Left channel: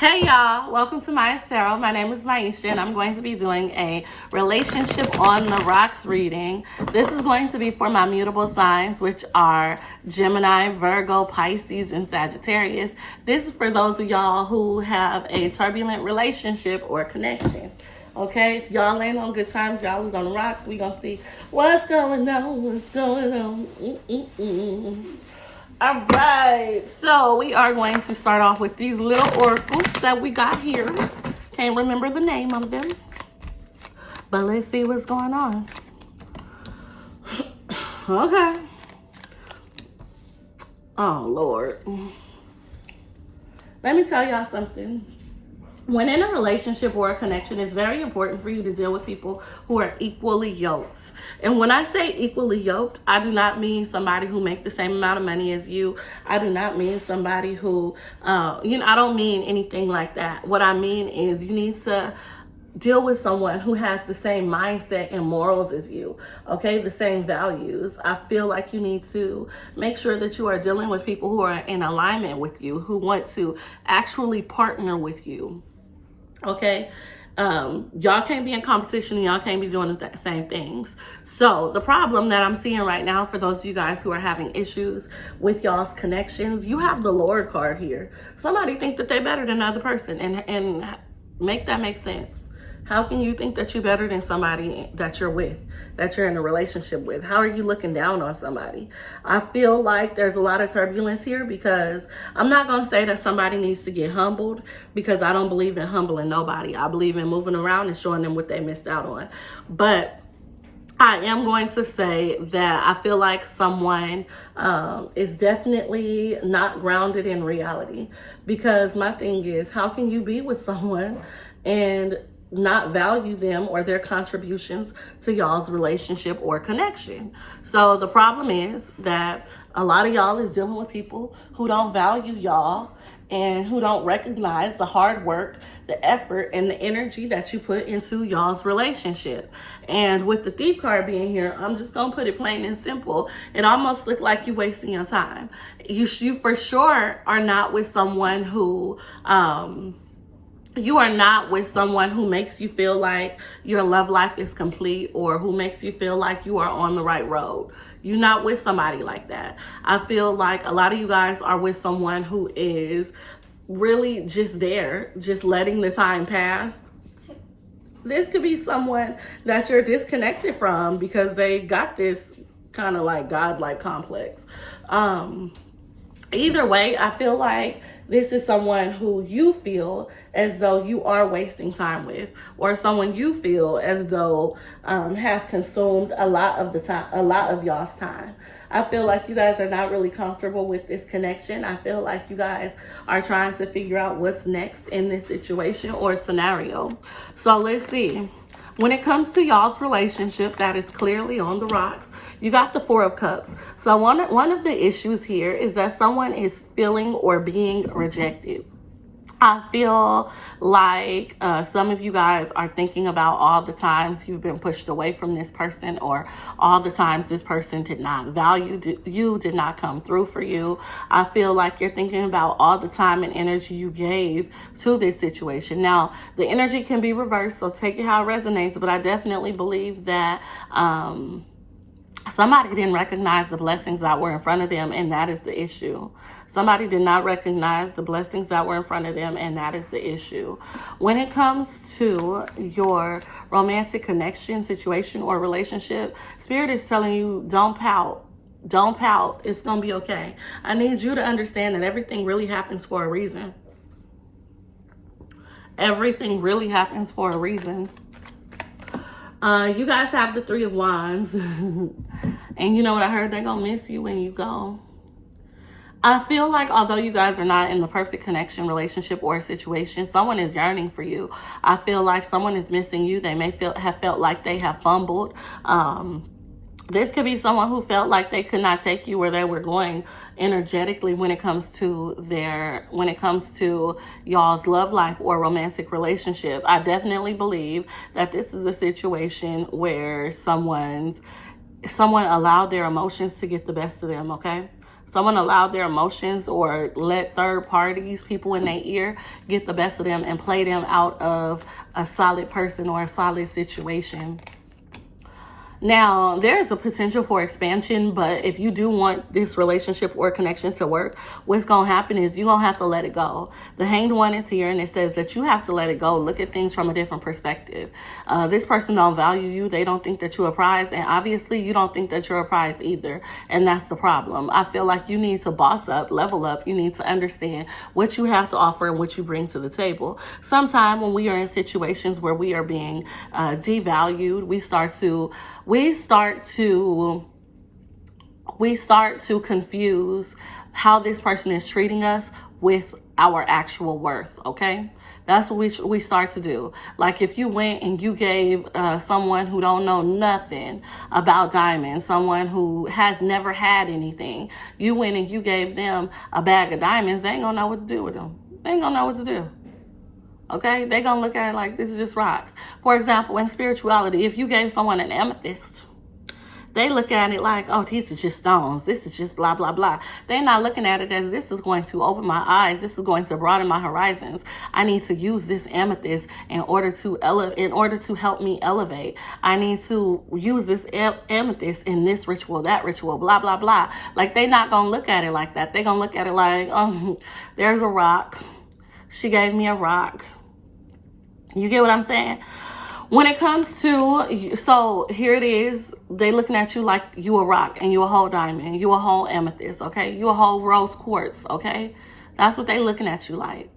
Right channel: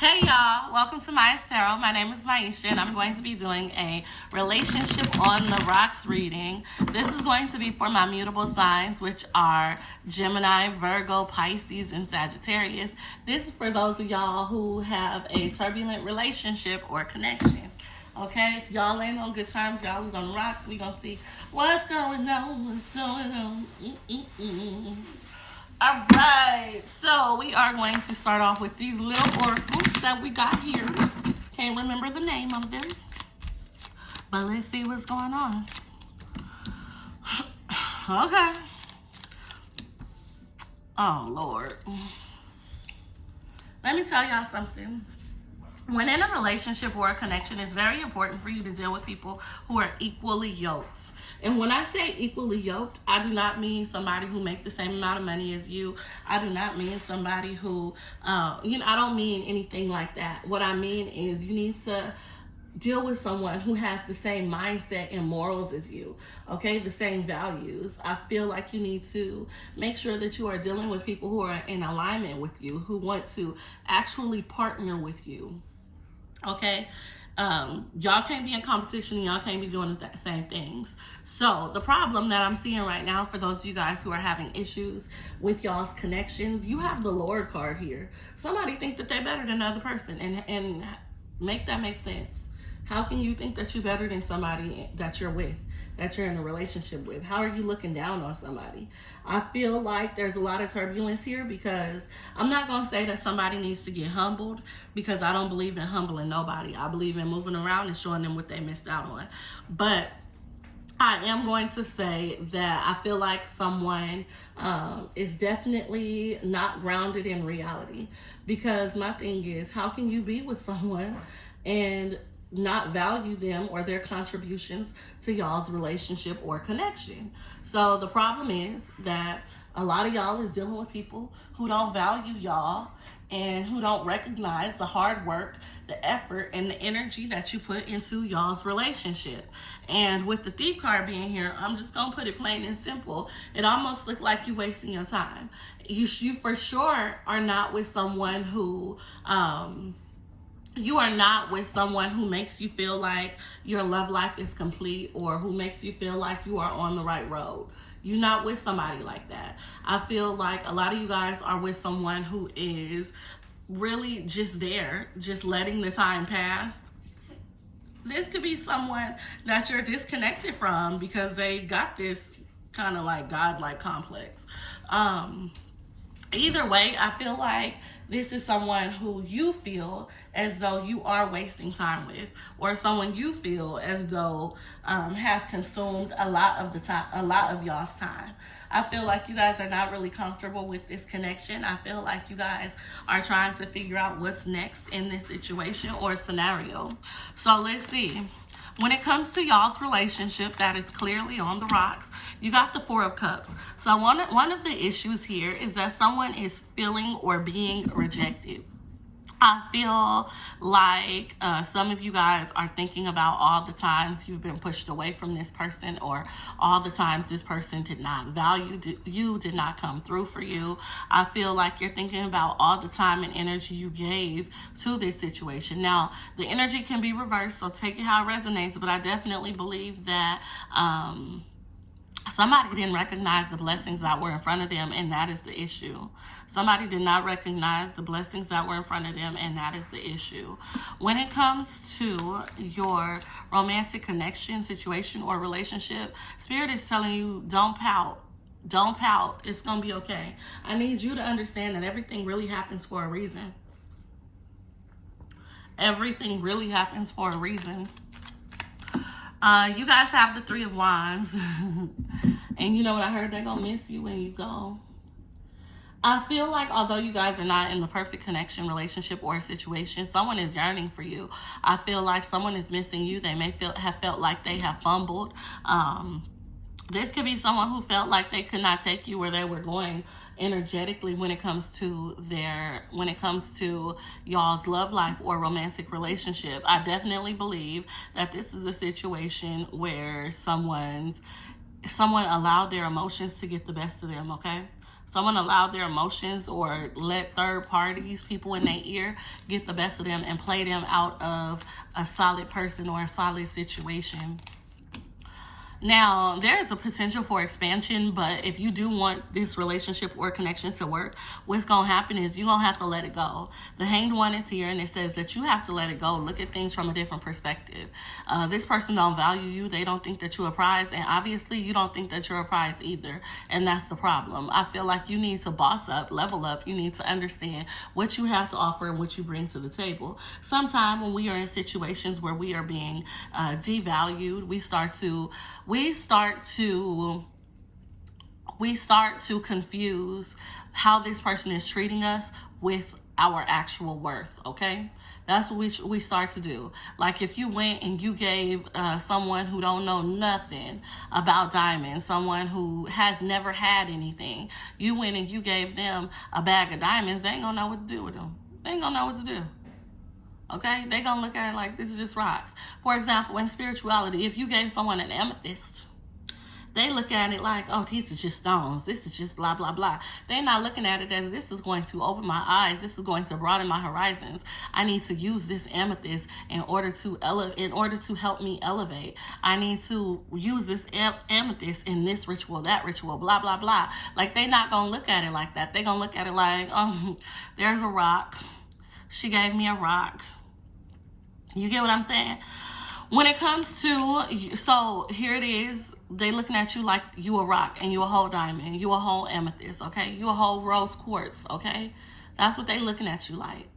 Hey y'all, welcome to MysTarot. My name is Myeisha and I'm going to be doing a relationship on the rocks reading. This is going to be for my mutable signs, which are Gemini, Virgo, Pisces, and Sagittarius. This is for those of y'all who have a turbulent relationship or connection. Okay, if y'all ain't on good times, y'all is on the rocks. We gonna see what's going on, All right, so we are going to start off with these little oracles that we got here. Can't remember the name of them, but let's see what's going on. Okay. Oh, Lord. Let me tell y'all something. When in a relationship or a connection, it's very important for you to deal with people who are equally yoked. And when I say equally yoked, I do not mean somebody who makes the same amount of money as you. I do not mean somebody who, I don't mean anything like that. What I mean is you need to deal with someone who has the same mindset and morals as you, okay? The same values. I feel like you need to make sure that you are dealing with people who are in alignment with you, who want to actually partner with you. Okay, y'all can't be in competition and y'all can't be doing the same things. So the problem that I'm seeing right now for those of you guys who are having issues with y'all's connections, you have the Lord card here. Somebody think that they're better than another person, and make that make sense. How can you think that you're better than somebody that you're with, that you're in a relationship with? How are you looking down on somebody? I feel like there's a lot of turbulence here because I'm not going to say that somebody needs to get humbled, because I don't believe in humbling nobody. I believe in moving around and showing them what they missed out on. But I am going to say that I feel like someone is definitely not grounded in reality, because my thing is, how can you be with someone and not value them or their contributions to y'all's relationship or connection? So the problem is that a lot of y'all is dealing with people who don't value y'all and who don't recognize the hard work, the effort, and the energy that you put into y'all's relationship. And with the Thief card being here, I'm just gonna put it plain and simple. It almost looked like you wasting your time. You for sure are not with someone who, you are not with someone who makes you feel like your love life is complete, or who makes you feel like you are on the right road. You're not with somebody like that. I feel like a lot of you guys are with someone who is really just there, just letting the time pass. This could be someone that you're disconnected from because they got this kind of like godlike complex. Either way, I feel like this is someone who you feel as though you are wasting time with, or someone you feel as though has consumed a lot of y'all's time. I feel like you guys are not really comfortable with this connection. I feel like you guys are trying to figure out what's next in this situation or scenario. So let's see. When it comes to y'all's relationship, that is clearly on the rocks. You got the Four of Cups. So one of the issues here is that someone is feeling or being rejected. I feel like some of you guys are thinking about all the times you've been pushed away from this person, or all the times this person did not value you, did not come through for you. I feel like you're thinking about all the time and energy you gave to this situation. Now, the energy can be reversed, so take it how it resonates, but I definitely believe that somebody didn't recognize the blessings that were in front of them, and that is the issue. Somebody did not recognize the blessings that were in front of them, and that is the issue. When it comes to your romantic connection, situation, or relationship, Spirit is telling you, don't pout. Don't pout. It's going to be okay. I need you to understand that everything really happens for a reason. Everything really happens for a reason. You guys have the Three of Wands. And you know what I heard? They're going to miss you when you go. I feel like although you guys are not in the perfect connection, relationship, or situation, someone is yearning for you. I feel like someone is missing you. They may have felt like they have fumbled. This could be someone who felt like they could not take you where they were going energetically when it comes to y'all's love life or romantic relationship. I definitely believe that this is a situation where someone allowed their emotions to get the best of them, okay? Someone allowed their emotions or let third parties, people in their ear, get the best of them and play them out of a solid person or a solid situation. Now, there's a potential for expansion, but if you do want this relationship or connection to work, what's going to happen is you're going to have to let it go. The Hanged One is here, and it says that you have to let it go. Look at things from a different perspective. This person don't value you. They don't think that you're a prize, and obviously you don't think that you're a prize either, and that's the problem. I feel like you need to boss up, level up. You need to understand what you have to offer and what you bring to the table. Sometime when we are in situations where we are being devalued, we start to confuse how this person is treating us with our actual worth, okay? That's what we start to do. Like if you went and you gave someone who don't know nothing about diamonds, someone who has never had anything, you went and you gave them a bag of diamonds, they ain't gonna know what to do with them. They ain't gonna know what to do. Okay, they're going to look at it like this is just rocks. For example, in spirituality, if you gave someone an amethyst, they look at it like, oh, these are just stones. This is just blah, blah, blah. They're not looking at it as this is going to open my eyes. This is going to broaden my horizons. I need to use this amethyst in order to help me elevate. I need to use this amethyst in this ritual, that ritual, blah, blah, blah. Like, they're not going to look at it like that. They're going to look at it like, oh, there's a rock. She gave me a rock. You get what I'm saying? When it comes to, so here it is, they looking at you like you a rock and you a whole diamond, you a whole amethyst, okay? You a whole rose quartz, okay? That's what they looking at you like.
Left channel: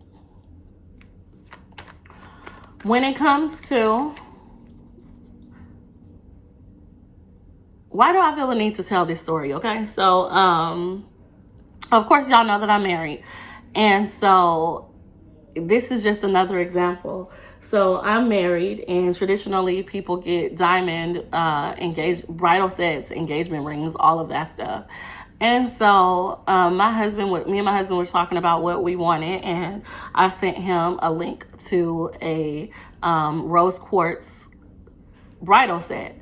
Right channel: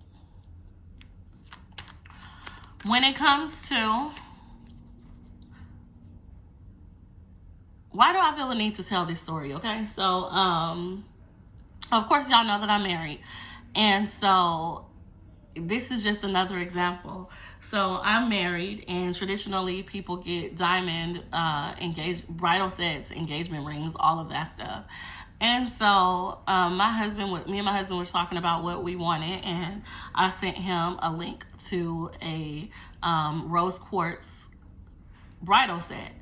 When it comes to, why do I feel the need to tell this story, okay? So, of course, y'all know that I'm married. And so, this is just another example. So I'm married, and traditionally people get diamond bridal sets, engagement rings, all of that stuff. And so me and my husband were talking about what we wanted, and I sent him a link to a rose quartz bridal set.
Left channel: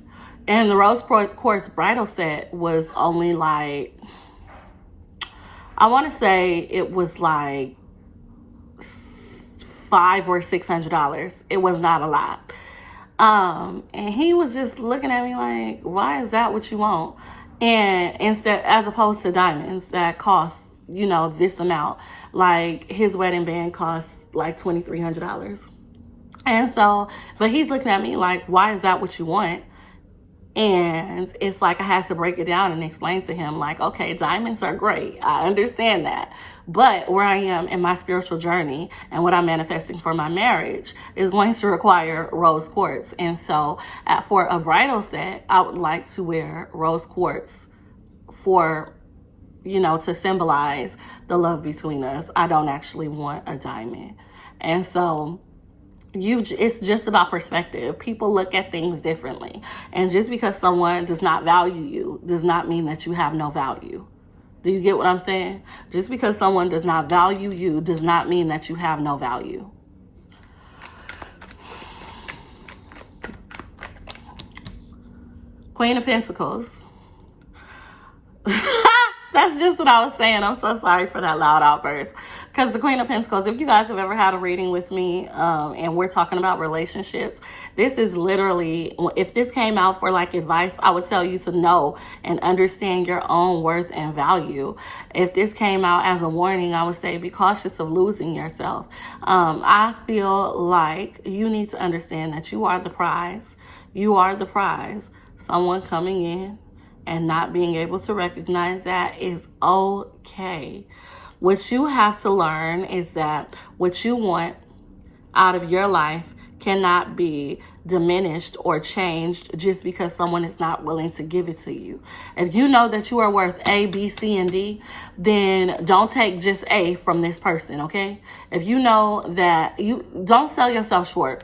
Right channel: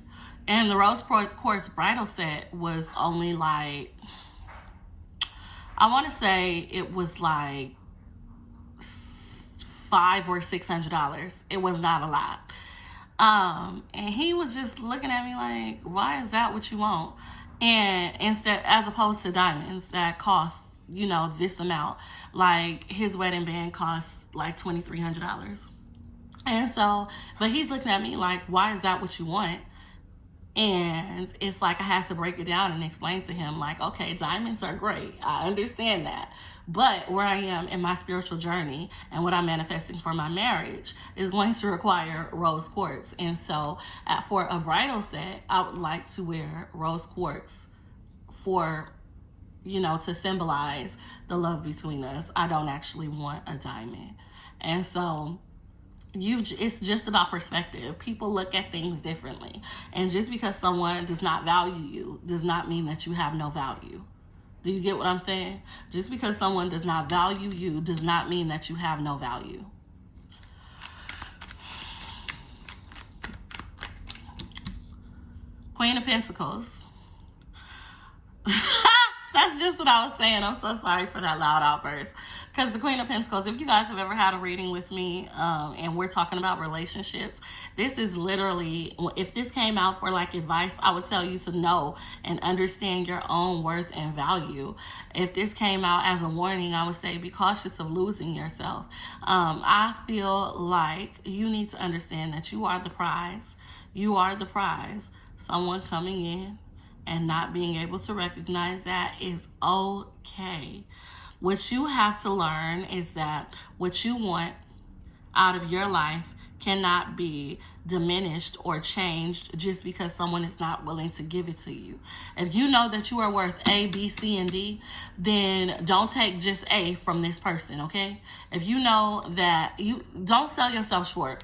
And the rose quartz bridal set was only like, I want to say it was like $500 or $600. It was not a lot. And he was just looking at me like, why is that what you want? And instead, as opposed to diamonds that cost, this amount, like his wedding band cost like $2,300. And so, but he's looking at me like, why is that what you want? And it's like I had to break it down and explain to him like, okay, diamonds are great. I understand that. But where I am in my spiritual journey and what I'm manifesting for my marriage is going to require rose quartz. And so for a bridal set, I would like to wear rose quartz for, to symbolize the love between us. I don't actually want a diamond. And so it's just about perspective. People look at things differently. And just because someone does not value you does not mean that you have no value. Do you get what I'm saying? Just because someone does not value you does not mean that you have no value. Queen of Pentacles. That's just what I was saying. I'm so sorry for that loud outburst. Because the Queen of Pentacles, if you guys have ever had a reading with me and we're talking about relationships, this is literally, if this came out for like advice, I would tell you to know and understand your own worth and value. If this came out as a warning, I would say be cautious of losing yourself. I feel like you need to understand that you are the prize. You are the prize. Someone coming in and not being able to recognize that is okay. What you have to learn is that what you want out of your life cannot be diminished or changed just because someone is not willing to give it to you. If you know that you are worth A, B, C, and D, then don't take just A from this person, okay? If you know that you don't sell yourself short.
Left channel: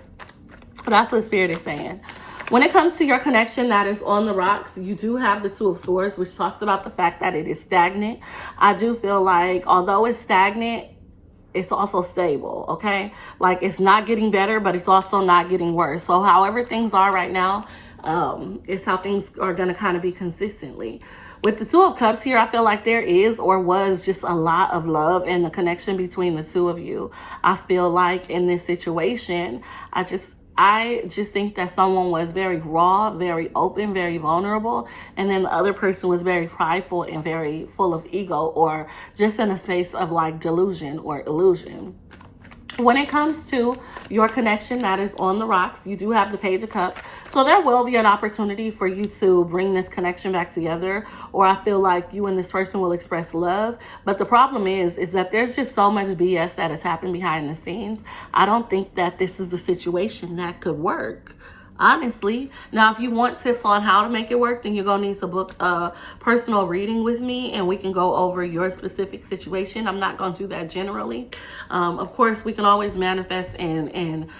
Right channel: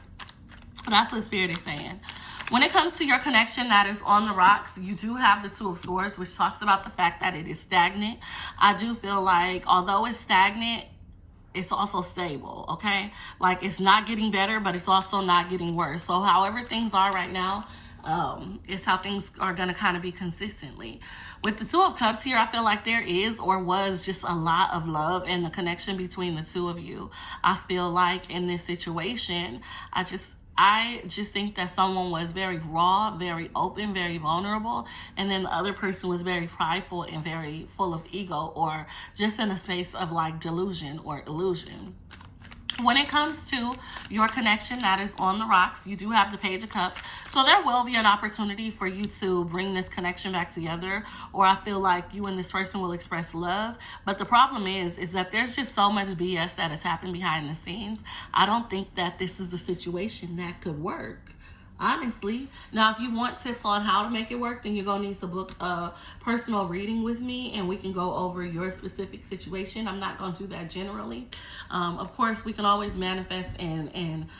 That's what Spirit is saying. When it comes to your connection that is on the rocks, you do have the Two of Swords, which talks about the fact that it is stagnant. I do feel like although it's stagnant, it's also stable, okay? Like it's not getting better, but it's also not getting worse. So however things are right now, it's how things are going to kind of be consistently. With the Two of Cups here, I feel like there is or was just a lot of love and the connection between the two of you. I feel like in this situation, I just think that someone was very raw, very open, very vulnerable, and then the other person was very prideful and very full of ego, or just in a space of like delusion or illusion. When it comes to your connection that is on the rocks, you do have the Page of Cups. So there will be an opportunity for you to bring this connection back together, or I feel like you and this person will express love. But the problem is that there's just so much BS that has happened behind the scenes. I don't think that this is the situation that could work, honestly. Now, if you want tips on how to make it work, then you're going to need to book a personal reading with me and we can go over your specific situation. I'm not going to do that generally. Of course, we can always manifest and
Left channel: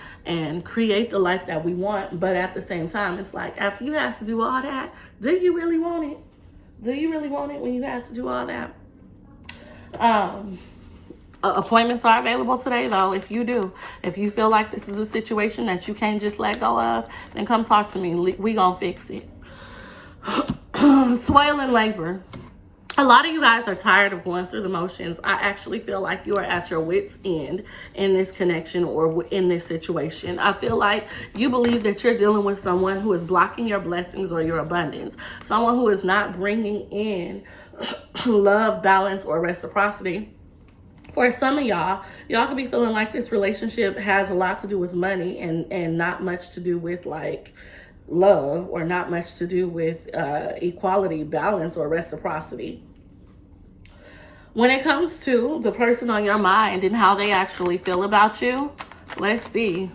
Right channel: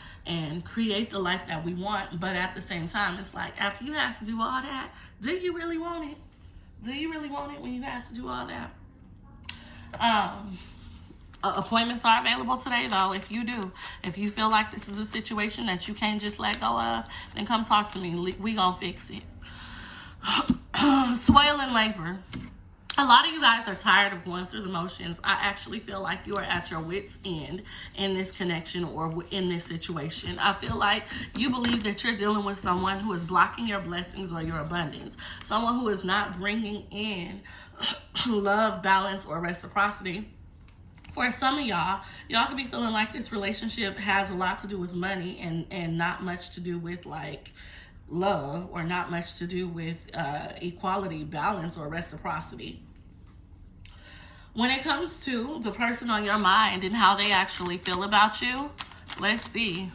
create the life that we want. But at the same time, it's like, after you have to do all that, do you really want it? Do you really want it when you have to do all that? Appointments are available today, though. If you feel like this is a situation that you can't just let go of, then come talk to me. We gonna fix it. Toil and labor. A lot of you guys are tired of going through the motions. I actually feel like you are at your wit's end in this connection or in this situation. I feel like you believe that you're dealing with someone who is blocking your blessings or your abundance. Someone who is not bringing in love, balance, or reciprocity. For some of y'all could be feeling like this relationship has a lot to do with money and not much to do with like love, or not much to do with equality, balance, or reciprocity. When it comes to the person on your mind and how they actually feel about you, let's see.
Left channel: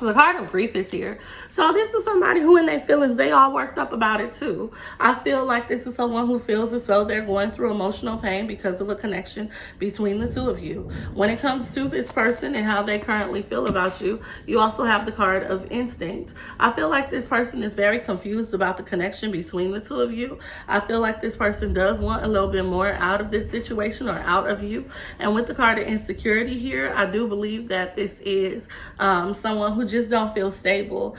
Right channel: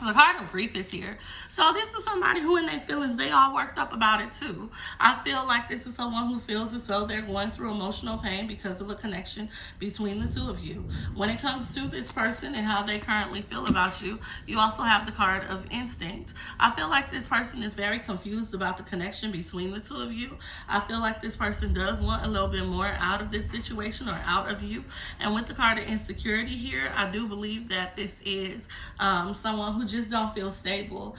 The card of grief is here. So this is somebody who in their feelings, they all worked up about it too. I feel like this is someone who feels as though they're going through emotional pain because of a connection between the two of you. When it comes to this person and how they currently feel about you, you also have the card of instinct. I feel like this person is very confused about the connection between the two of you. I feel like this person does want a little bit more out of this situation or out of you. And with the card of insecurity here, I do believe that this is someone who just don't feel stable.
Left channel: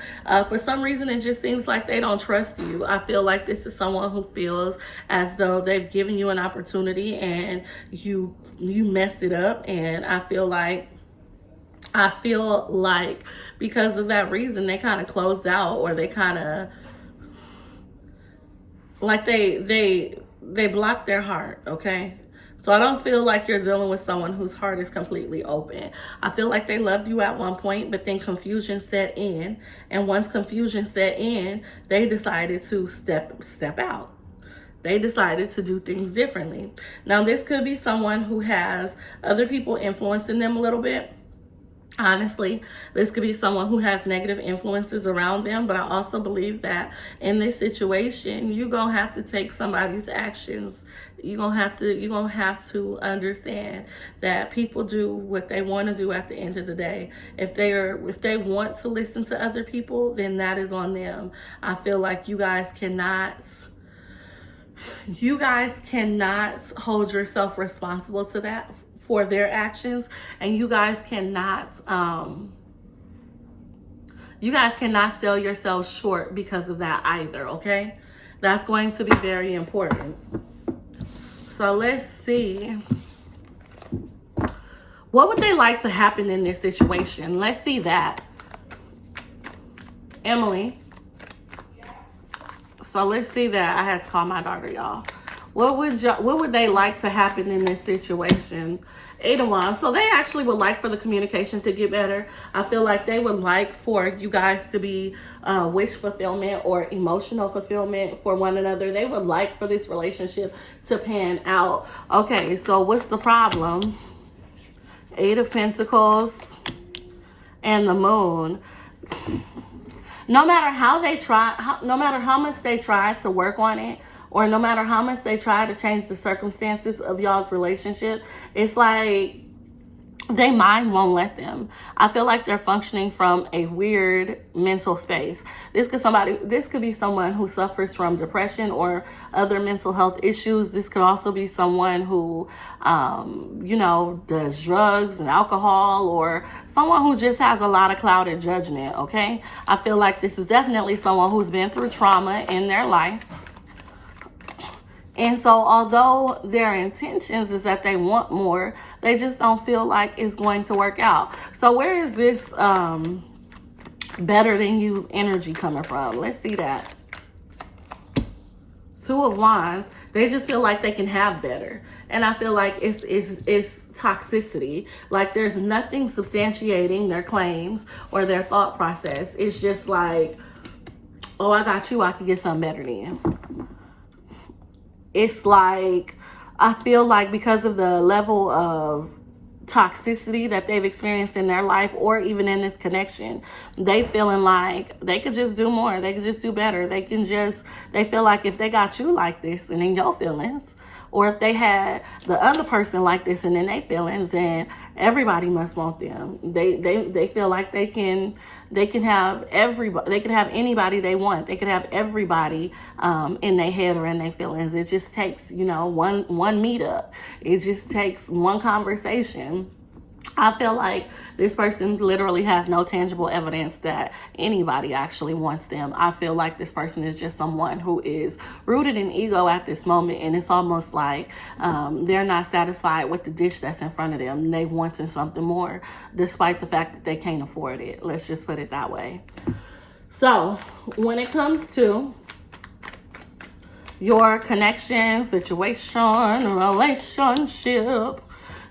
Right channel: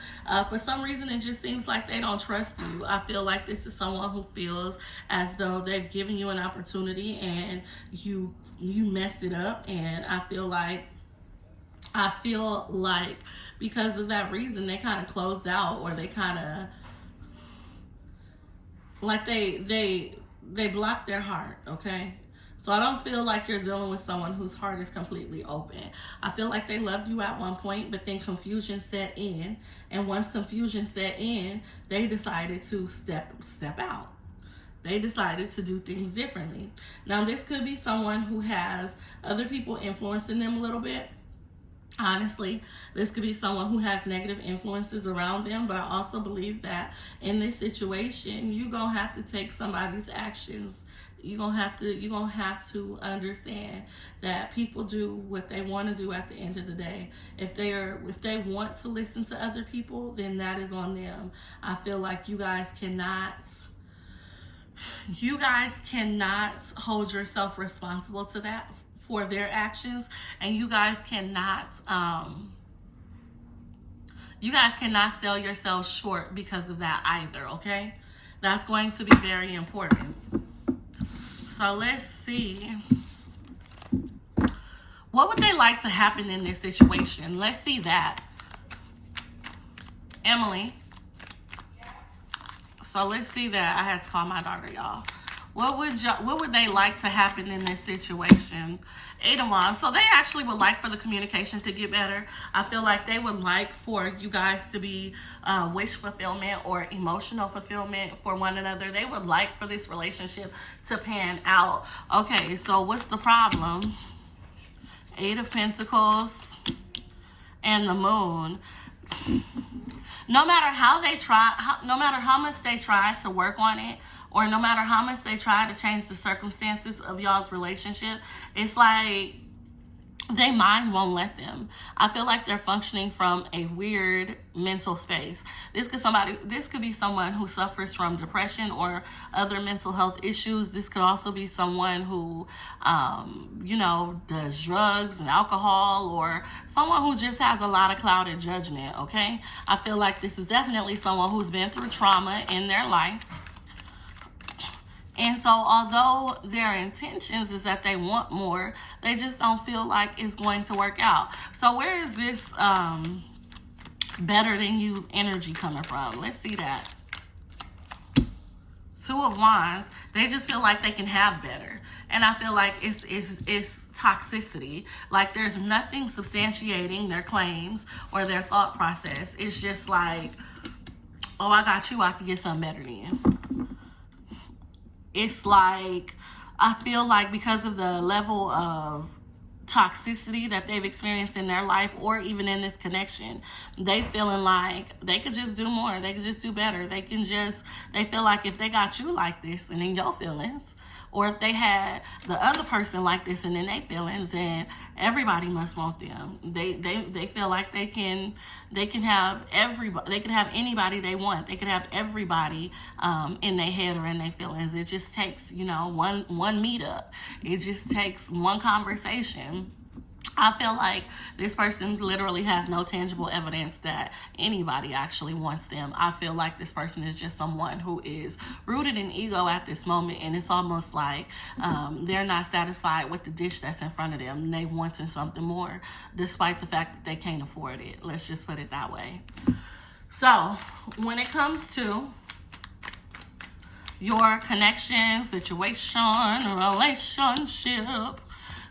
For some reason, it just seems like they don't trust you. I feel like this is someone who feels as though they've given you an opportunity and you messed it up. And I feel like because of that reason, they kind of closed out, or they kind of like they blocked their heart. Okay. So I don't feel like you're dealing with someone whose heart is completely open. I feel like they loved you at one point, but then confusion set in. And once confusion set in, they decided to step out. They decided to do things differently. Now, this could be someone who has other people influencing them a little bit. Honestly, this could be someone who has negative influences around them, but I also believe that in this situation, you're going to have to take somebody's actions. You're going to have to understand that people do what they want to do at the end of the day. If they want to listen to other people, then that is on them. I feel like you guys cannot hold yourself responsible to that, for their actions, and you guys cannot sell yourselves short because of that either. Okay, that's going to be very important. So let's see, what would they like to happen in this situation? Let's see that, Emily. So let's see that. I had to call my daughter, y'all. What would they like to happen in this situation? 8 of Wands. So they actually would like for the communication to get better. I feel like they would like for you guys to be wish fulfillment or emotional fulfillment for one another. They would like for this relationship to pan out. Okay, so what's the problem? 8 of Pentacles and the Moon. No matter how they try, no matter how much they try to work on it, or no matter how much they try to change the circumstances of y'all's relationship, it's like their mind won't let them. I feel like they're functioning from a weird mental space. This could be someone who suffers from depression or other mental health issues. This could also be someone who, does drugs and alcohol, or someone who just has a lot of clouded judgment, okay? I feel like this is definitely someone who's been through trauma in their life. And so although their intentions is that they want more, they just don't feel like it's going to work out. So where is this better than you energy coming from? Let's see that. 2 of Wands. They just feel like they can have better. And I feel like it's toxicity. Like there's nothing substantiating their claims or their thought process. It's just like, oh, I got you, I could get something better than you. It's like, I feel like because of the level of toxicity that they've experienced in their life or even in this connection, they feeling like they could just do more, they could just do better, they feel like if they got you like this and in your feelings, or if they had the other person like this and in their feelings, then everybody must want them. They feel like they can have everybody, they can have anybody they want, they can have everybody in their head or in their feelings. It just takes, you know, one meetup. It just takes one conversation. I feel like this person literally has no tangible evidence that anybody actually wants them. I feel like this person is just someone who is rooted in ego at this moment, and it's almost like they're not satisfied with the dish that's in front of them. They wanting something more, despite the fact that they can't afford it. Let's just put it that way. So when it comes to your connection, situation, relationship,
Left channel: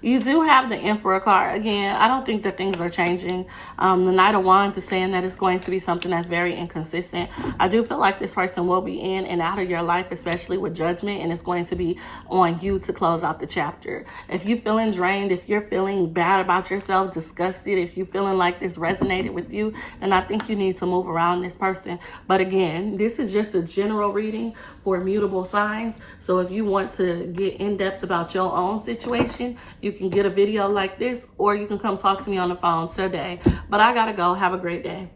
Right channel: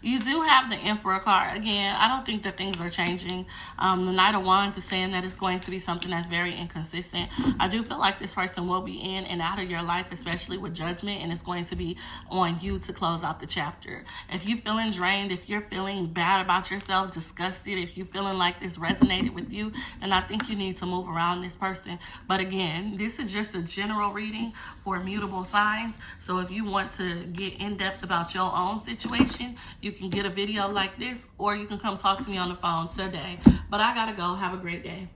you do have the Emperor card. Again, I don't think that things are changing. The Knight of Wands is saying that it's going to be something that's very inconsistent. I do feel like this person will be in and out of your life, especially with Judgment, and it's going to be on you to close out the chapter. If you're feeling drained, if you're feeling bad about yourself, disgusted, if you're feeling like this resonated with you, then I think you need to move around this person. But again, this is just a general reading for mutable signs. So if you want to get in depth about your own situation, you can get a video like this, or you can come talk to me on the phone today. But I gotta go. Have a great day.